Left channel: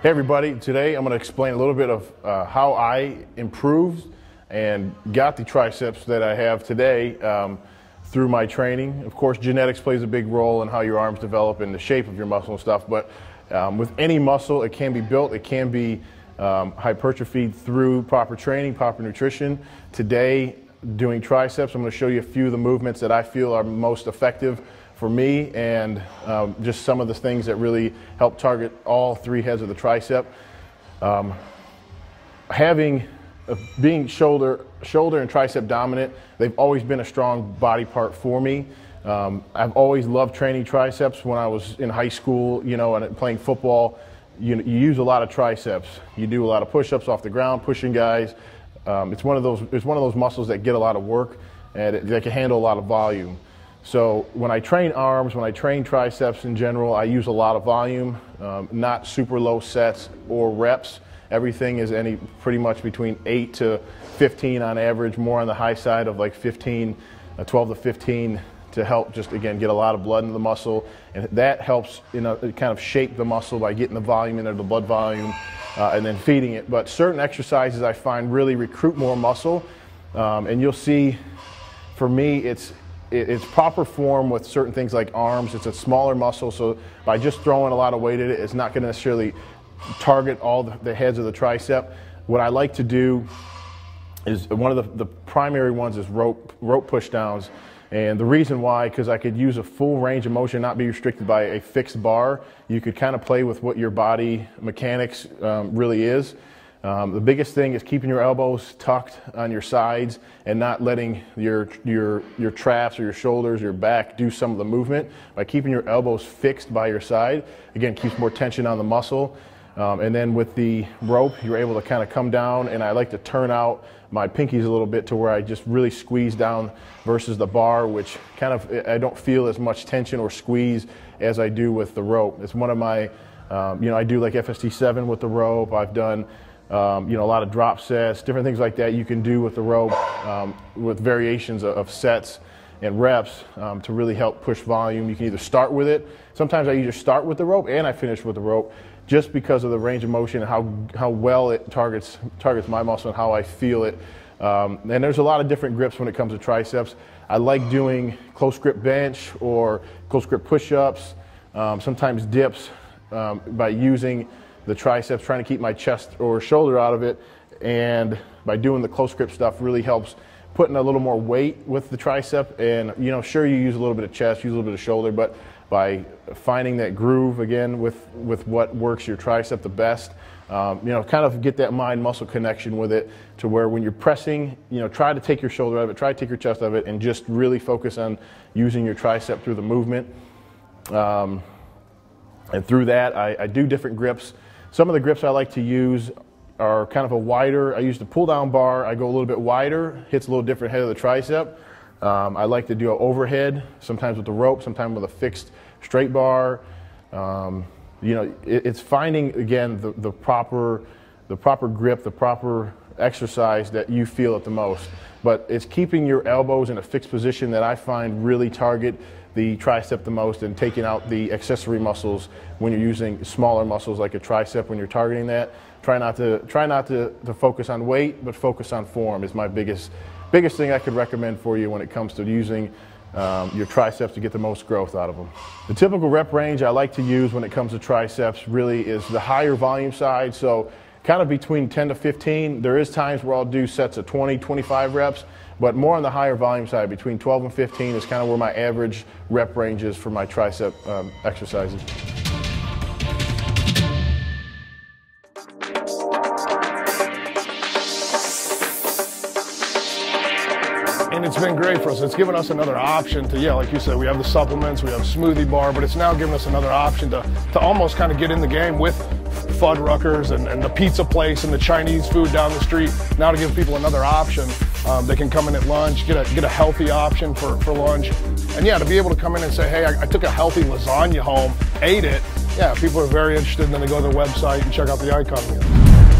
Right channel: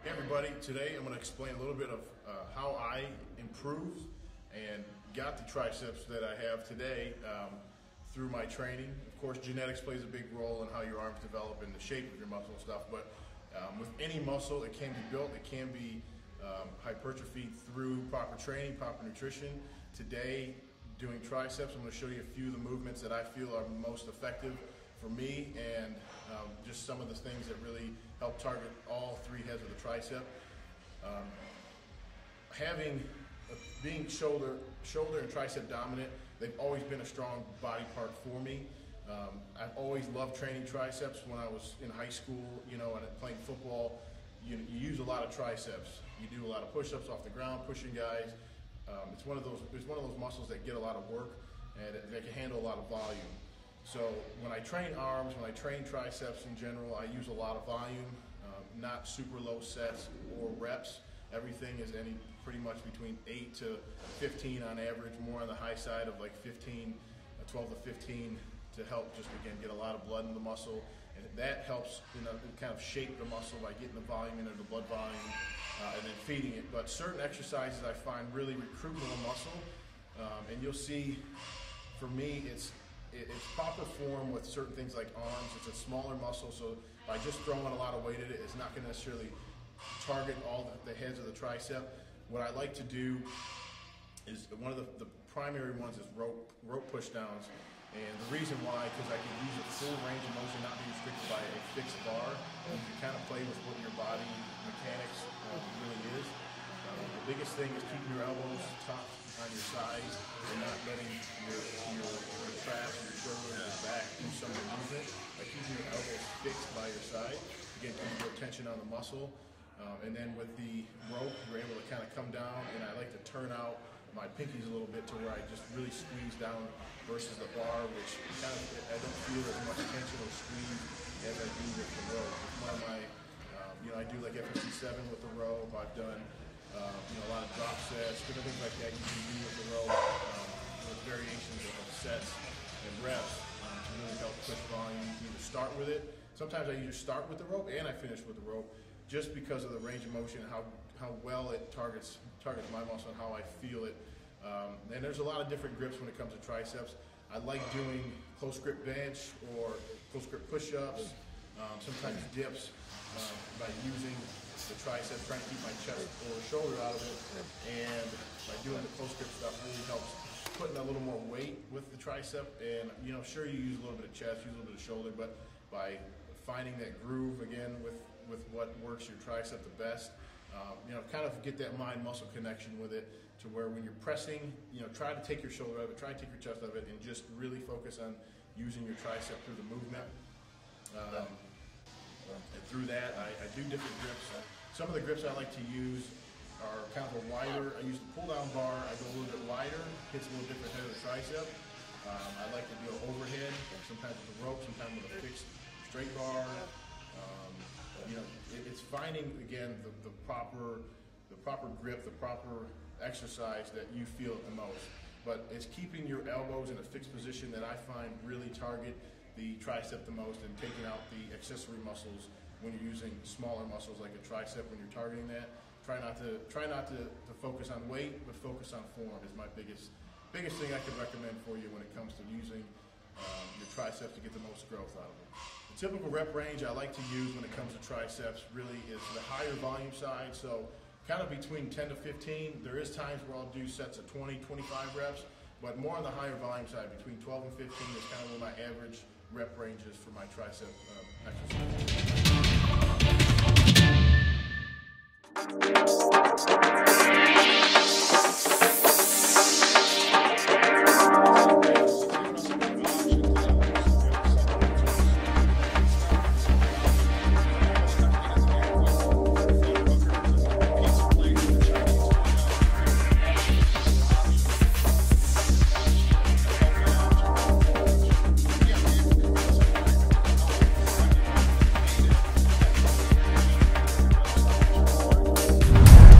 Hey everybody, today I'm going to explain a little bit of how I improved and got the triceps that I have today through my training. Of course, genetics plays a big role in how your arms develop and the shape of your muscle and stuff, but with any muscle, it can be built, it can be hypertrophied through proper training, proper nutrition. Today, doing triceps, I'm going to show you a few of the movements that I feel are most effective for me, and just some of the things that really help target all three heads of the tricep. Being shoulder and tricep dominant, they've always been a strong body part for me. I've always loved training triceps. When I was in high school, and playing football, you use a lot of triceps. You do a lot of push-ups off the ground, pushing guys. It's one of those muscles that get a lot of work and they can handle a lot of volume. So when I train arms, when I train triceps in general, I use a lot of volume, not super low sets or reps. Everything is pretty much between 8 to 15 on average, more on the high side of like 12 to 15 to help just, again, get a lot of blood into the muscle. And that helps, kind of shape the muscle by getting the volume into the blood volume and then feeding it. But certain exercises I find really recruit more muscle. And you'll see, for me, it's proper form with certain things like arms. It's a smaller muscle, so by just throwing a lot of weight at it, it's not going to necessarily target all the heads of the tricep. What I like to do is, one of the primary ones is rope push downs. And the reason why, because I could use a full range of motion, not be restricted by a fixed bar. You could kind of play with what your body mechanics really is. The biggest thing is keeping your elbows tucked on your sides and not letting your traps or your shoulders, your back do some of the movement. By keeping your elbows fixed by your side, again, keeps more tension on the muscle. And then with the rope, you're able to kind of come down, and I like to turn out my pinkies a little bit to where I just really squeeze down versus the bar, which kind of, I don't feel as much tension or squeeze as I do with the rope. It's one of my, I do like FST7 with the rope. I've done a lot of drop sets, different things like that you can do with the rope, with variations of sets and reps to really help push volume. You can either start with it. Sometimes I either start with the rope and I finish with the rope, just because of the range of motion and how well it targets my muscle and how I feel it. And there's a lot of different grips when it comes to triceps. I like doing close grip bench or close grip push-ups, sometimes dips by using the triceps, trying to keep my chest or shoulder out of it, and by doing the close grip stuff really helps putting a little more weight with the tricep. And sure, you use a little bit of chest, use a little bit of shoulder, but by finding that groove again with what works your tricep the best, kind of get that mind muscle connection with it, to where when you're pressing, try to take your shoulder out of it, try to take your chest out of it, and just really focus on using your tricep through the movement. And through that, I do different grips. Some of the grips I like to use are kind of a wider. I use the pull down bar. I go a little bit wider, hits a little different head of the tricep. I like to do an overhead, sometimes with the rope, sometimes with a fixed straight bar. It's finding, again, the proper grip, the proper exercise that you feel it the most. But it's keeping your elbows in a fixed position that I find really target the tricep the most, and taking out the accessory muscles when you're using smaller muscles like a tricep. When you're targeting that, try not to focus on weight, but focus on form is my biggest thing I could recommend for you when it comes to using your triceps to get the most growth out of them. The typical rep range I like to use when it comes to triceps really is the higher volume side, so kind of between 10 to 15. There is times where I'll do sets of 20, 25 reps, but more on the higher volume side, between 12 and 15 is kind of where my average rep range is for my tricep exercises. It's been great for us. It's given us another option to, like you said, we have the supplements, we have smoothie bar, but it's now given us another option to almost kind of get in the game with Fuddruckers and the pizza place and the Chinese food down the street. Now to give people another option. They can come in at lunch, get a healthy option for lunch. And yeah, to be able to come in and say, hey, I took a healthy lasagna home, ate it. Yeah, people are very interested, and then they go to their website and check out the icon.